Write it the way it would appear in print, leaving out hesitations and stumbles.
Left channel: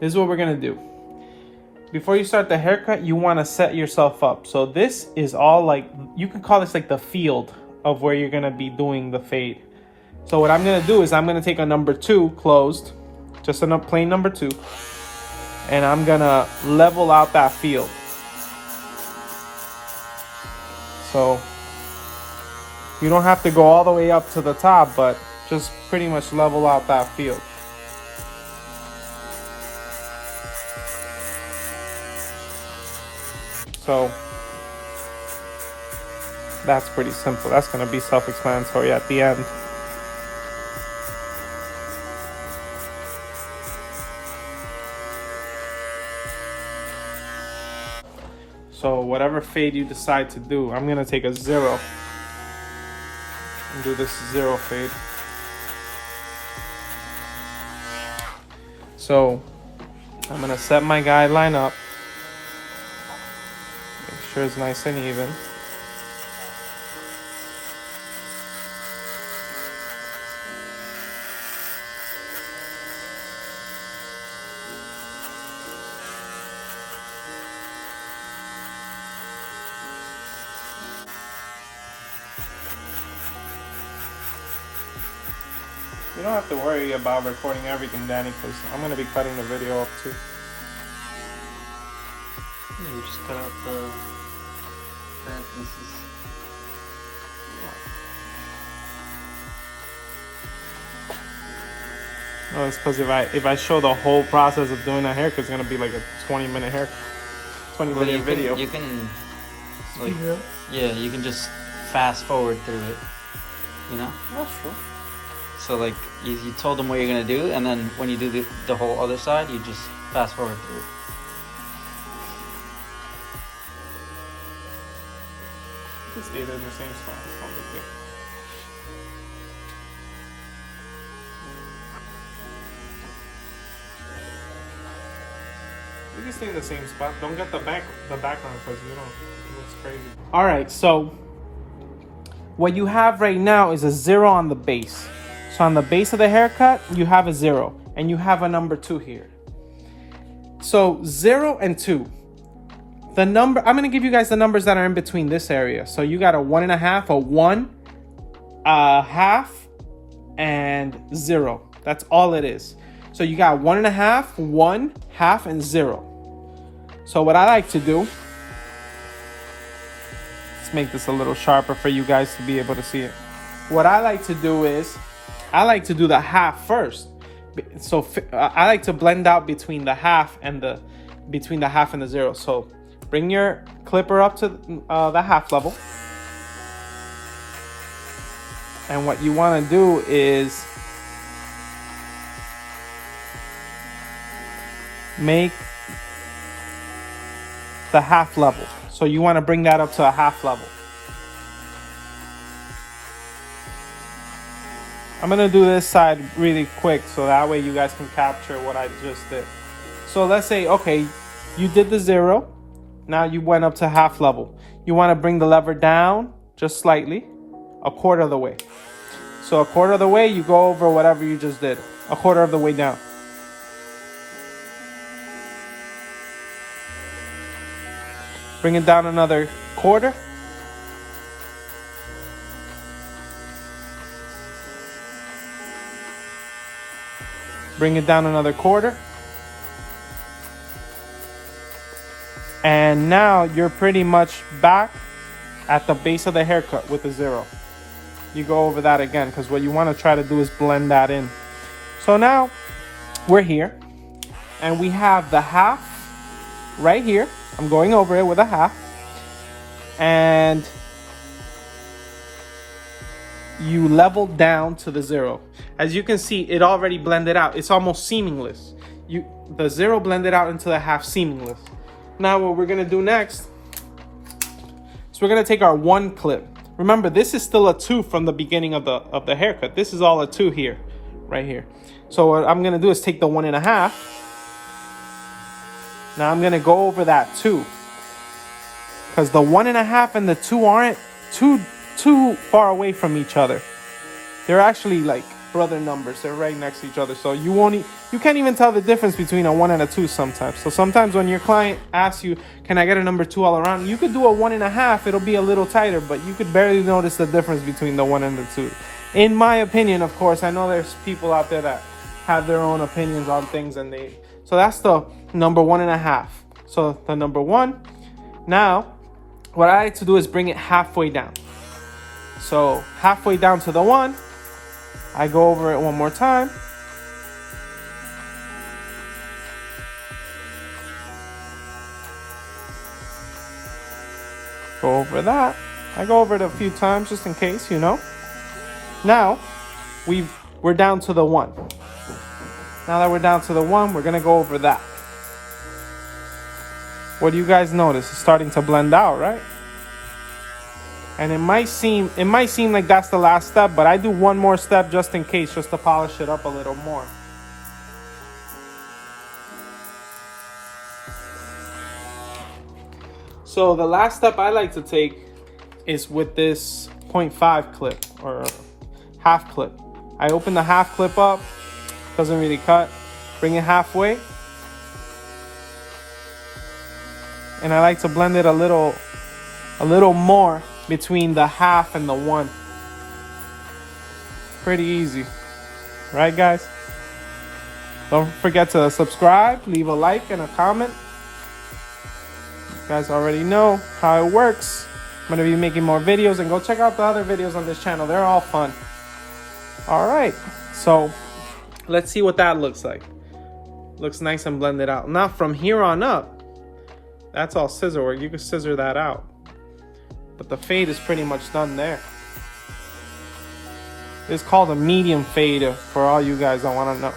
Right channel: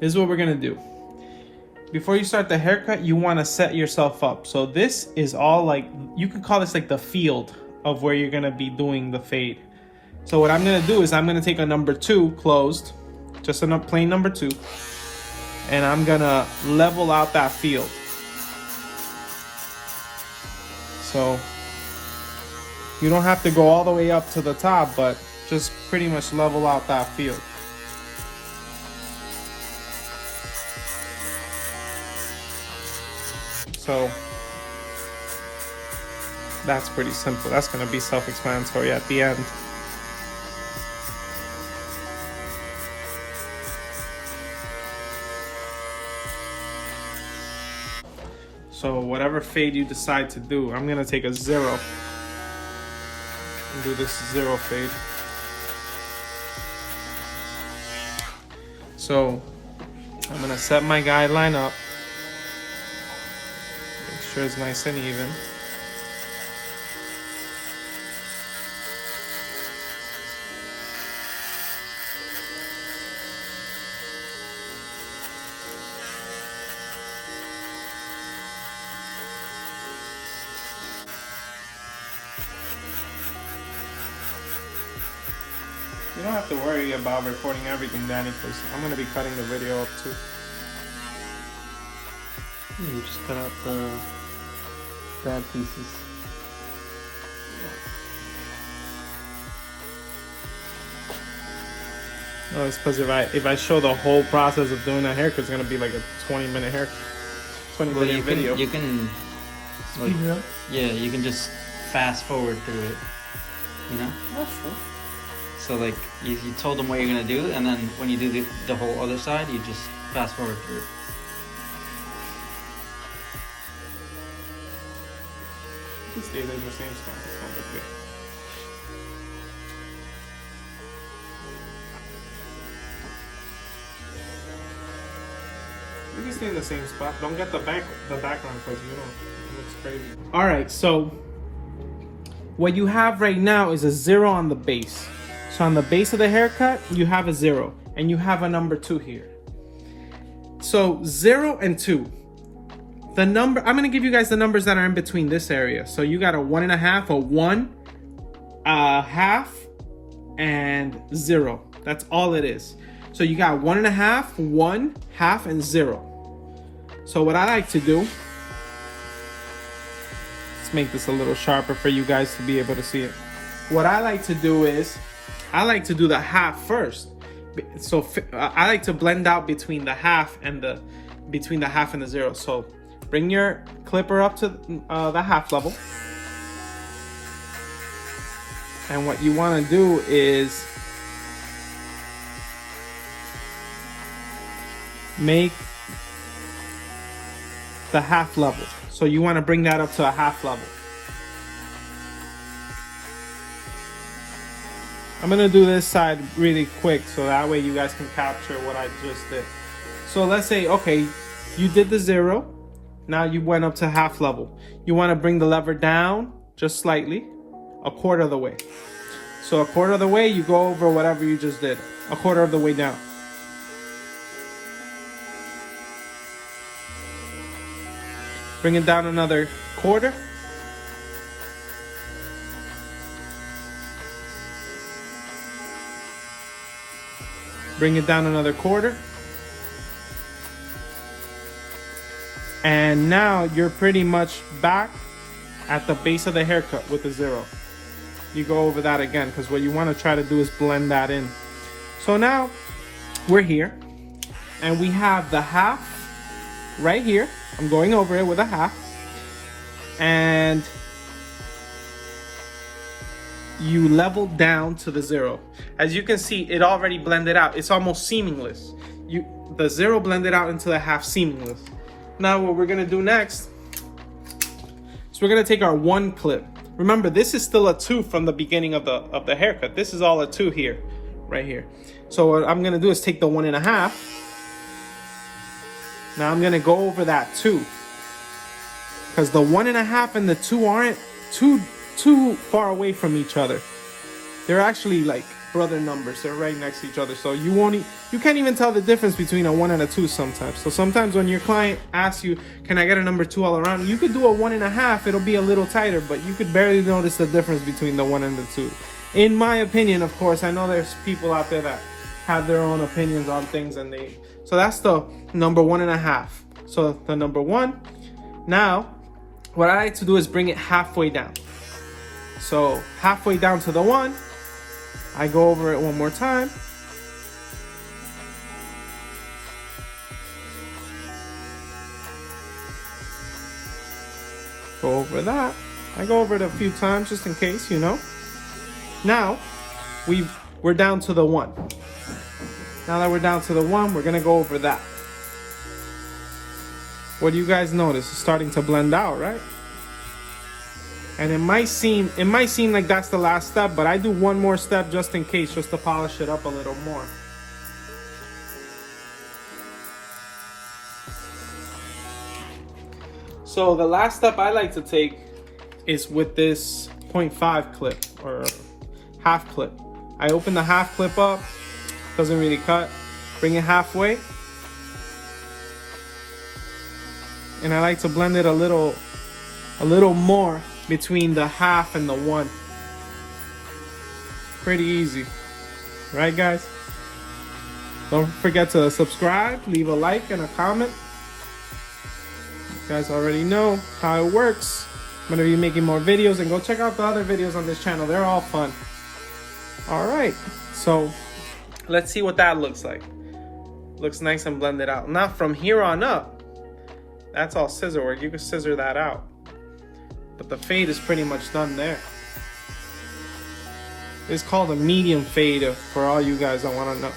This is what we're gonna do. Before you start the haircut, you wanna set yourself up. So this is all like, you can call this like the field of where you're gonna be doing the fade. So what I'm gonna do is I'm gonna take a number 2 closed, just a plain number 2, and I'm gonna level out that field. So you don't have to go all the way up to the top, but just pretty much level out that field. So that's pretty simple. That's gonna be self-explanatory at the end. So whatever fade you decide to do, I'm gonna take a 0 and do this 0 fade. So I'm gonna set my guideline up. Make sure it's nice and even. You don't have to worry about recording everything, Danny, because I'm going to be cutting the video up too. You just cut out the bad pieces. No, it's because if I show the whole process of doing a haircut, it's going to be like a 20-minute haircut. 20-minute video. You can like, yeah, you can just fast forward through it. You know? That's true. So like you told them what you're gonna do, and then when you do the whole other side, you just fast forward through it. Just stay there in the same spot. It's not big deal. You can stay in the same spot. Don't get the background because you know it looks crazy. All right, so what you have right now is a 0 on the base. So on the base of the haircut, you have a 0, and you have a number 2 here. So 0 and 2. The number, I'm gonna give you guys the numbers that are in between this area. So you got a 1.5, a 1, a half, and 0. That's all it is. So you got 1.5, 1, half, and 0. So what I like to do, let's make this a little sharper for you guys to be able to see it. What I like to do is, I like to do the half first. So I like to blend out between the half and the 0. So bring your clipper up to the half level. And what you want to do is make the half level. So you want to bring that up to a half level. I'm gonna do this side really quick so that way you guys can capture what I just did. So let's say, okay, you did the 0. Now you went up to half level. You wanna bring the lever down just slightly, a quarter of the way. So a quarter of the way, you go over whatever you just did, a quarter of the way down. Bring it down another quarter. Bring it down another quarter. And now you're pretty much back at the base of the haircut with a 0. You go over that again because what you want to try to do is blend that in. So now we're here and we have the half right here. I'm going over it with a half. And you level down to the 0. As you can see, it already blended out. It's almost seamless. The 0 blended out into the half seamless. Now what we're gonna do next is we're gonna take our 1 clip. Remember, this is still a 2 from the beginning of the haircut. This is all a 2 here, right here. So what I'm gonna do is take the 1.5. Now I'm gonna go over that 2. Because the 1.5 and the 2 aren't too far away from each other. They're actually like brother numbers. They're right next to each other, so you can't even tell the difference between a 1 and a 2 sometimes. So sometimes when your client asks you, "Can I get a number 2 all around?" You could do a 1.5. It'll be a little tighter, but you could barely notice the difference between the 1 and the 2. In my opinion, of course. I know there's people out there that have their own opinions on things, so that's the number 1.5. So the number 1. Now, what I like to do is bring it halfway down. So halfway down to the 1, I go over it one more time. Go over that. I go over it a few times just in case, you know. Now, we're down to the 1. Now that we're down to the 1, we're gonna go over that. What do you guys notice? It's starting to blend out, right? And it might seem like that's the last step, but I do one more step just in case, just to polish it up a little more. So the last step I like to take is with this 0.5 clip or half clip. I open the half clip up, doesn't really cut, bring it halfway. And I like to blend it a little more between the half and the 1. Pretty easy, right guys? Don't forget to subscribe, leave a like and a comment. You guys already know how it works. I'm gonna be making more videos, and go check out the other videos on this channel. They're all fun. All right, so let's see what that looks like. Looks nice and blended out. Now from here on up, that's all scissor work. You can scissor that out. But the fade is pretty much done there. It's called a medium fade for all you guys that want to know.